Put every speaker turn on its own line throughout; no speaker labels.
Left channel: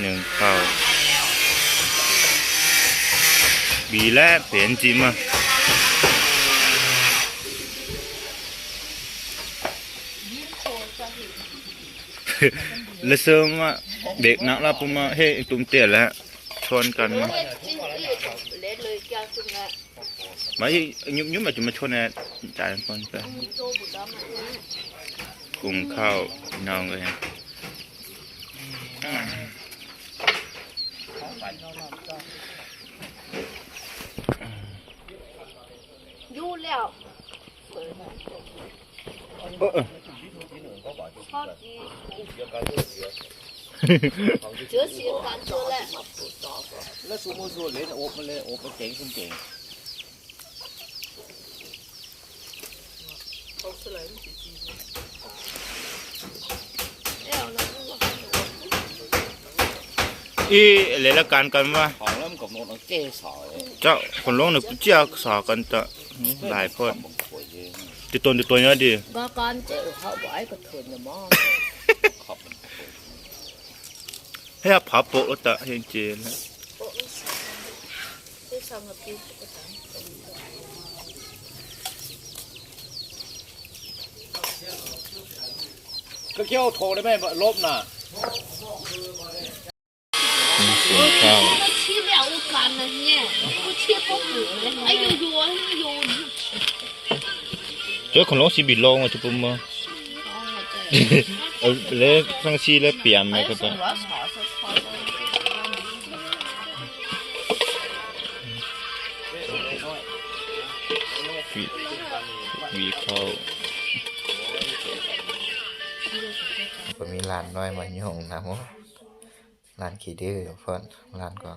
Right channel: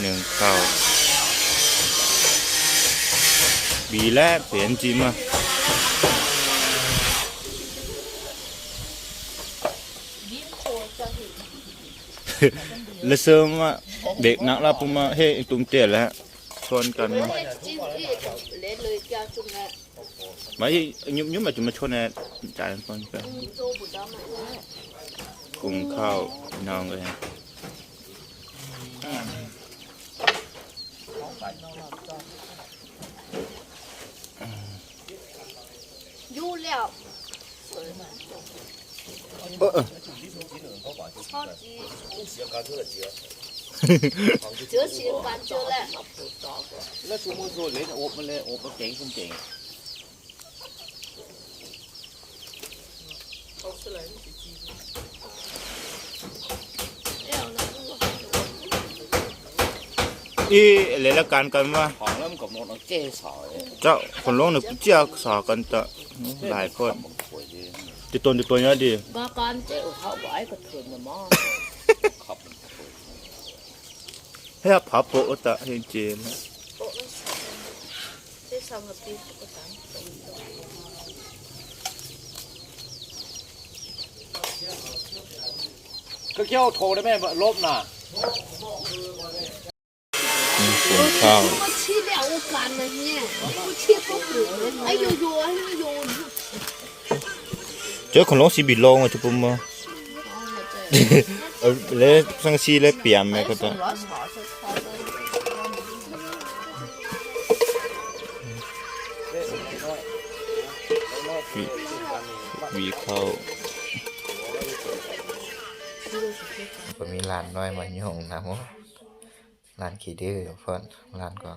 หนึ่งข้าวบีและเปลี่ยนจิมาแล้วเสริมว่าเด็กนักลาปุมาเฮ้ตุ้มเตี้ยแล้วชนกันมา
lấy lời cha คุณแม่
มยุบยุบมาจะมาชนแน่จ่ายคนไป
โตบุดามา
กุงข้าวน้องเลย
ยู่แล้ว
เออ
ทอดจีเจอสีฟันเจอ
แล้วแล้วชูมือชูเหรียญโอบมันเลยโอบมันเจ๋งขึ้นเจ๋ง
อีเลยละกันกันว่า
ของเริ่มกับมดเจ๊สอย
เจ้าคนร้องหนี่ยกูเจ้าสอกันจะหลายคน
ติดตัวติดตัวเยอะ
ดีบ้าปันเจ้าเขา
ไอ้กับเพื่อน
มอง
ให้ผาโปะตะเฮงเจน
ฮะ
ก็เกี่ยวโทรได้ไหมลบน่ะ
กุงข้าว
我吃了我干了呢，我吃不苦的，哎呦呦哎呦，
เจ้าคนลงสีบิลงอ่ะจุ๊บมั้งเออเล่ฟังซีเล่เปียมไหมก็ตะ
我炒是炒的。
วีวีเข้าก็มีร้านน้อยมาโยงนะมั้ง ร้านขี้ดื้อเพิ่นร้านก็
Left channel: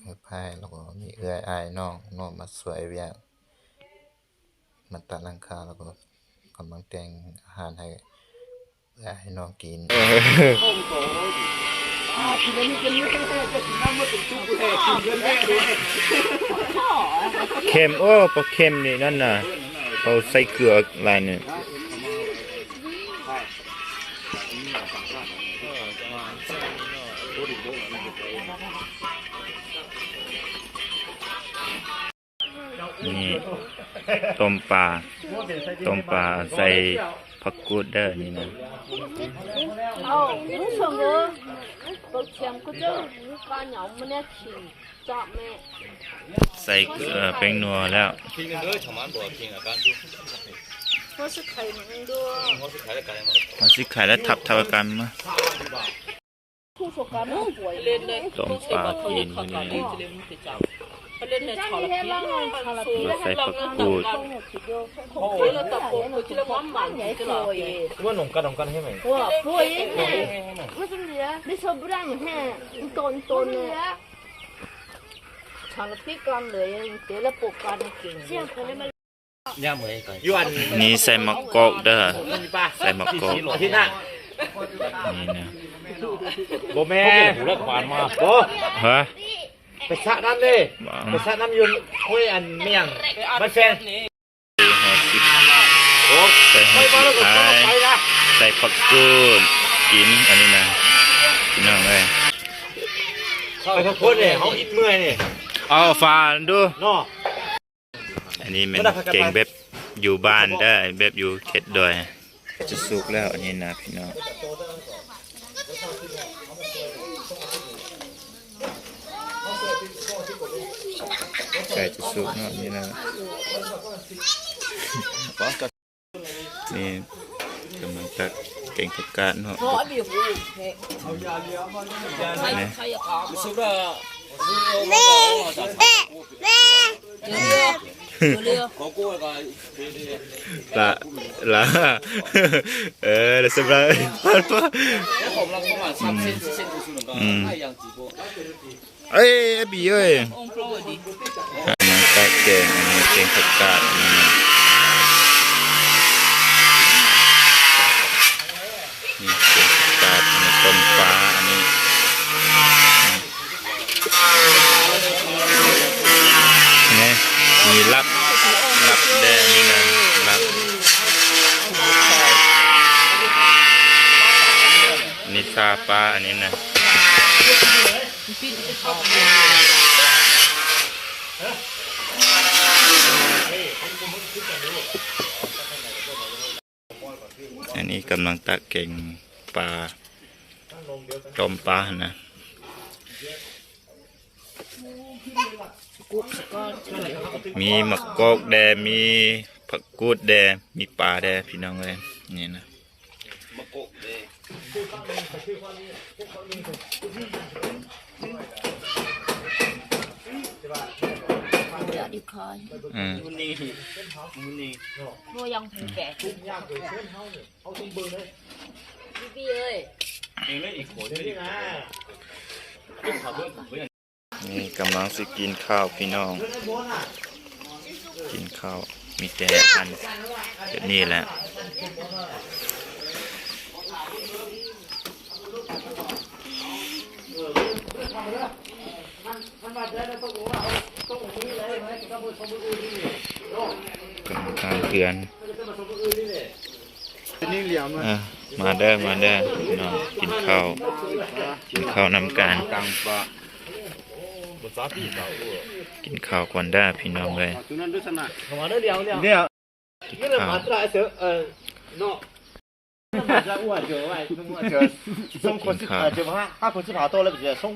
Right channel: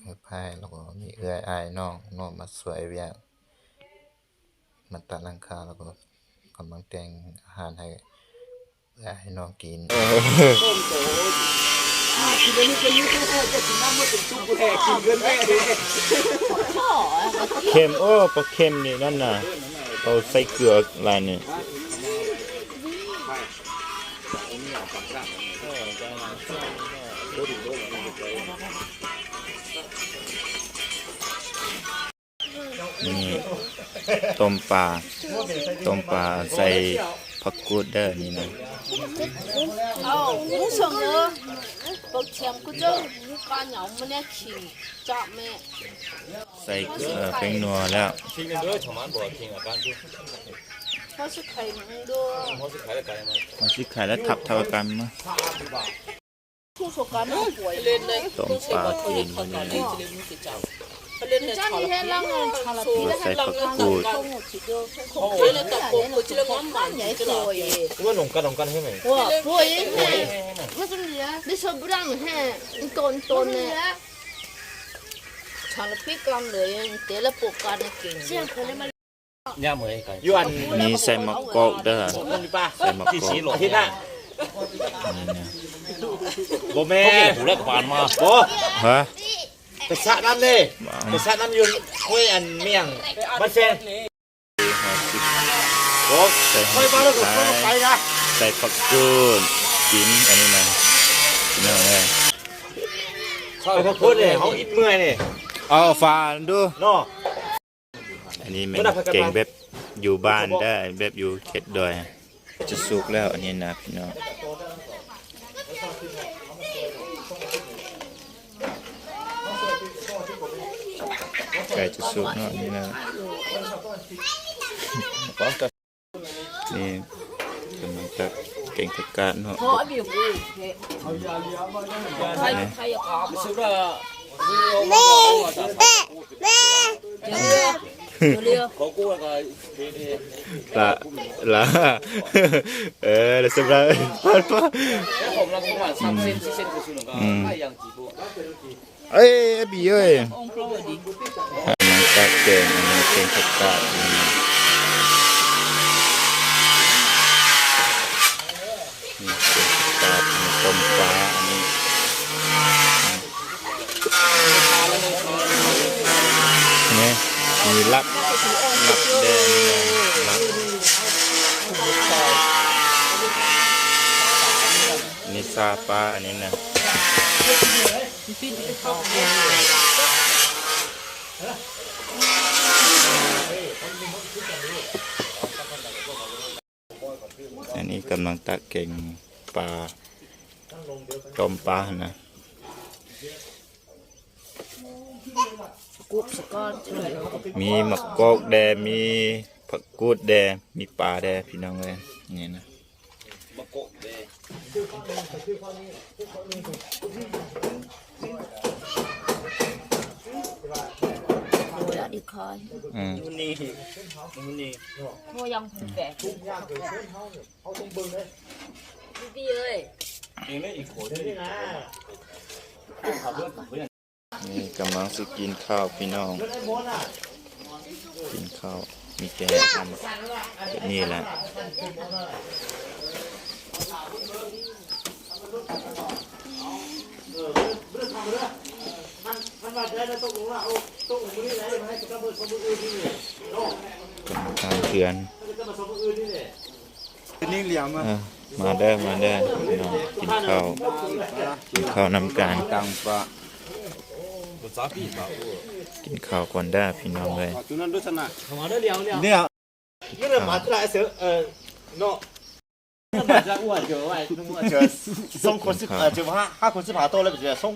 เอื้อพายแล้วก็มีเอื้อยอายน้องน้องมาสวยเวียงมาตัดลังคาแล้วก็กำลังแต่งอาหารให้เอื้อยให้น้องกินเค็มโอ้ปลาเค็มนี่นั่นน่ะเราใส่เกลือลายนี่ นี่ต้มปลาต้มปลาใส่ผักกูดเดอร์นี่นะ
เอาผู้ชมเออบกเชีย
มกูจ้ปลาเหนียว
มันเนี่ยขิงจอบแม่ใส่เอเป็
นนัวแล้ว
เขาสิข่หนังด้วย
มาสิไข่และทับทากันมา
ทูสกันเขาป่วยเลย
ต้มปลาจีนวันนี้
จ้างนี่แล่งงานชาลตีได้ให้เราเงินงหมดสิโยคงไม่เลยตะกปั้นใหญ่ป่
วยว่าหนุ่มกันหนุ่มกันใช่ไหม
ว่าป่วยแม่ไม่สมเหลือไม่อบร่างแห่ตนตนเนี่
ยชาลตีกันเล
ยเตะละปกกันเก่งเ
ห
มยกันยวน
นี่ใส่มะกอกเด้อ
ป้า
ใส่มะกอก
ที่น่ะ
นี่นะ
โบแม่หูรักบานมาโบ
ฮะ
ไปสระน้ำเลยไปสระน้ำยืนห้วยอันเมี่ยงบ้านแฟน
หอสิก
โอ้
ใส่หอสิกไทย
ไปนะ
ใส่ผักกูดกินอันนี้นะกินน้องเลย
เขาเขาพูดเลยเขาอิดเมื่อยนี่
เอาฟานดู
เนาะ
อันนี้มันเก่งเบ็บอยู่บ้านได้เบ็บอยู่เข็ดดอยจะสุกแล้วอันนี้นะพี่น้องไก่จะสุกเนาะนี่นะนี่กำลังตะเก่งประกาศเนาะนี่แม่แม่ วสำหรับพันปะอืมเอ้ยไอ้บีเอ้ยมันตะเก่งอันนี้เก่งประกาศนี่นะนี่เก่งประกาศอันนี้ต้มฟ้าอันนี้นี่ มีลับลับแดงนี่นะลับนนี่ซาปลาอันนี้นะอันนี้กำลังตักเก่งปลาต้มปลานะ
กุ๊กสกอนจะเหลือ
มีมะกอกแดมีผักกูดแดมีปลาแดพี่น้องเลยนี่นะ
จะดีคอย
อืม
นี่นี่
โมยังผูแก่พี่เอ้ย
นี่ก กำลังสิกินข้าวพี่น้อง กินข้าวมีแต่อันแบบนี้แหละกรรมการเพื่อน
นี่เหลี่ยม
อะมาเด้อมาเด้อพี่น้องกินข้าวกินข้าวนำกัน
ตังปะ
กินข้าวก่อนได้อพี่น้องเลย
ตัวนั้นด้วยสนะผมเอาเรื่องเดียวเนี่ยเนี่ยนี่เรามาตราเสือเออเนาะมาจะอ้วนเจอไว้ต้องอ้วนเจอส่งคนสิเออเจอห้าห้าคนสิบห้าโตแล้วไปเจอส่ง